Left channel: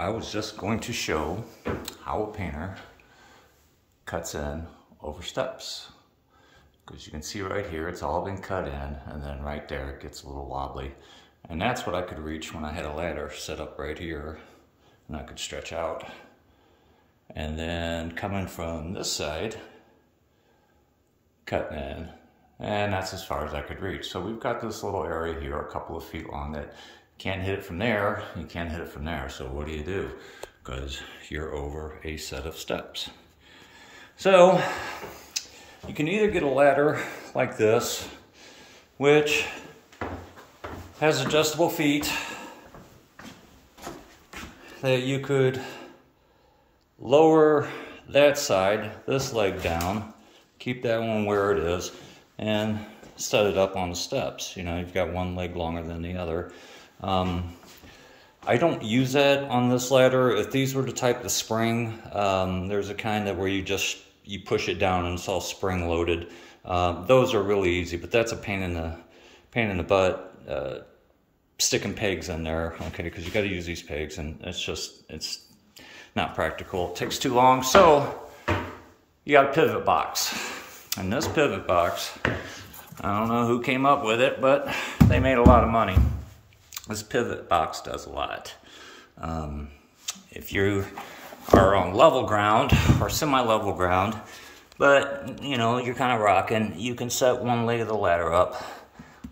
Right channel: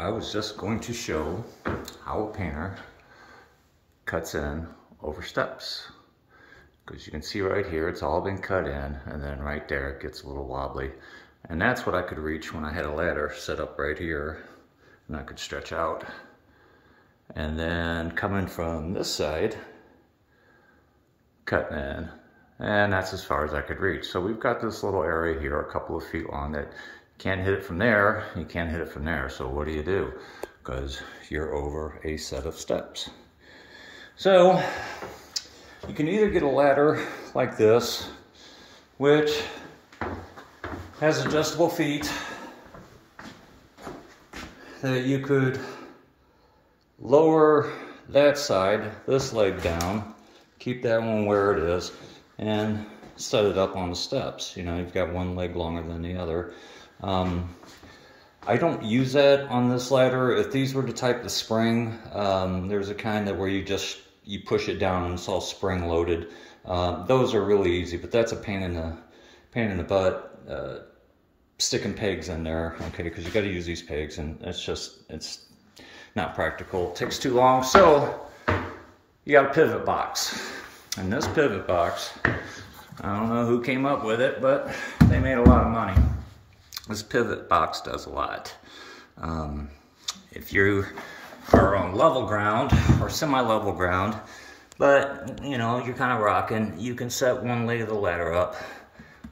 I was just going to show how a painter cuts in over steps. Because you can see right here, it's all been cut in, and then right there it gets a little wobbly. And that's what I could reach when I had a ladder set up right here, and I could stretch out. And then coming from this side, cutting in, and that's as far as I could reach. So we've got this little area here, a couple of feet long, that you can't hit it from there, you can't hit it from there. So what do? Because you're over a set of steps. So you can either get a ladder like this, which has adjustable feet that you could lower that side, this leg down, keep that one where it is, and set it up on the steps. You know, you've got one leg longer than the other. I don't use that on this ladder. If these were the type of spring, there's a kind that where you push it down and it's all spring loaded. Those are really easy, but that's a pain in the butt. Sticking pegs in there, okay, because you got to use these pegs, and it's not practical. It takes too long. So you got a pivot box, and this pivot box, I don't know who came up with it, but they made a lot of money. This pivot box does a lot. If you are on level ground or semi-level ground, but you know, you're kind of rocking, you can set one leg of the ladder up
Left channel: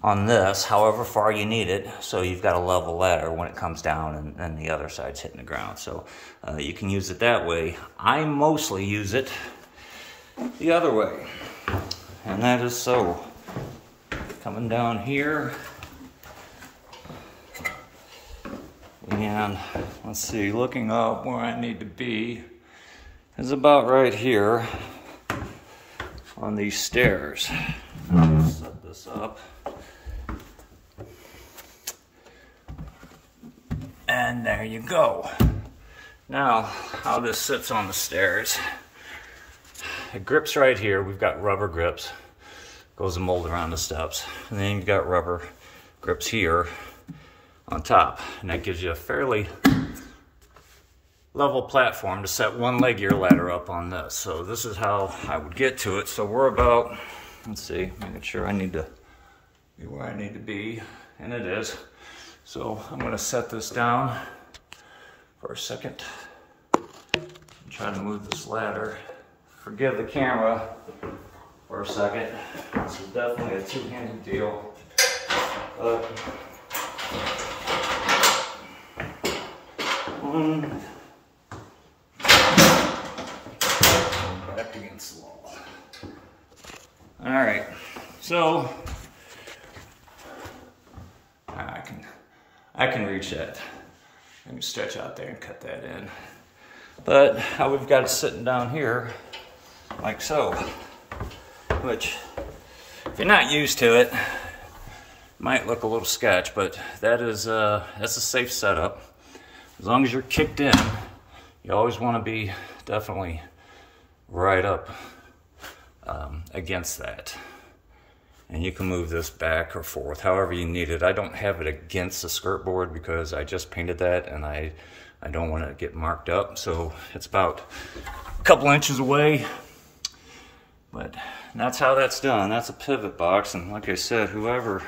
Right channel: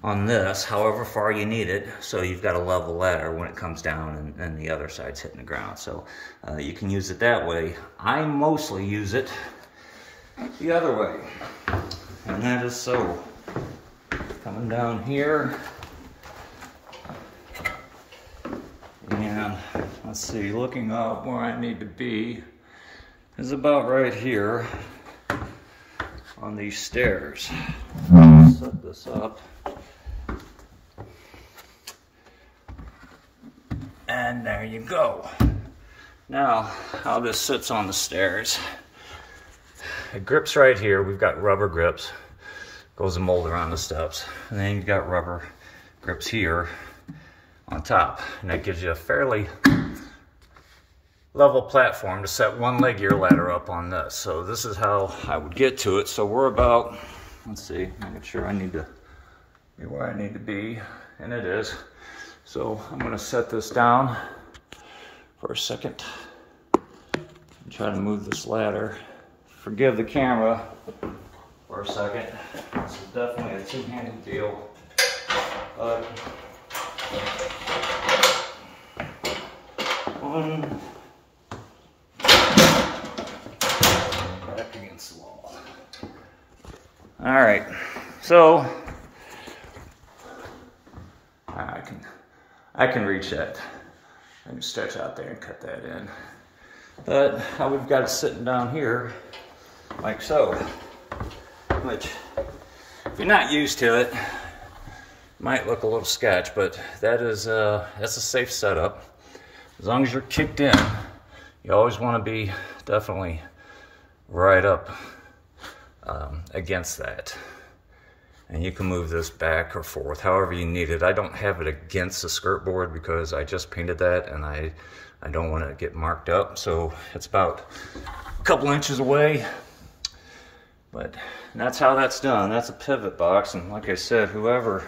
on this, however far you need it, so you've got a level ladder when it comes down and the other side's hitting the ground. So you can use it that way. I mostly use it the other way, and that is so. Coming down here, and let's see, looking up where I need to be is about right here on these stairs. Set this up. And there you go. Now, how this sits on the stairs. It grips right here. We've got rubber grips. Goes a mold around the steps. And then you've got rubber grips here on top. And that gives you a fairly level platform to set one leg of your ladder up on this. So this is how I would get to it. So we're about, let's see, making sure I need to be where I need to be. And it is. So I'm going to set this down for a second and try to move this ladder. Forgive the camera for a second. This is definitely a two-handed deal. But back against the wall. All right, so I can reach that. I can stretch out there and cut that in. But how we've got it sitting down here, like so, which if you're not used to it, might look a little sketch, but that's a safe setup. As long as you're kicked in, you always want to be definitely right up against that. And you can move this back or forth, however you need it. I don't have it against the skirt board because I just painted that and I don't want to get marked up. So it's about a couple inches away. But that's how that's done. That's a pivot box. And like I said, whoever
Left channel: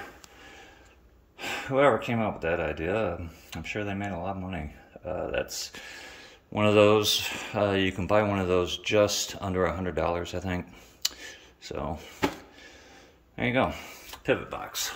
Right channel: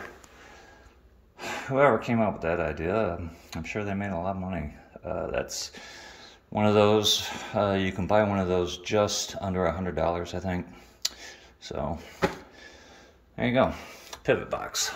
came up with that idea, I'm sure they made a lot of money. That's one of those, you can buy one of those just under $100, I think. So there you go, pivot box.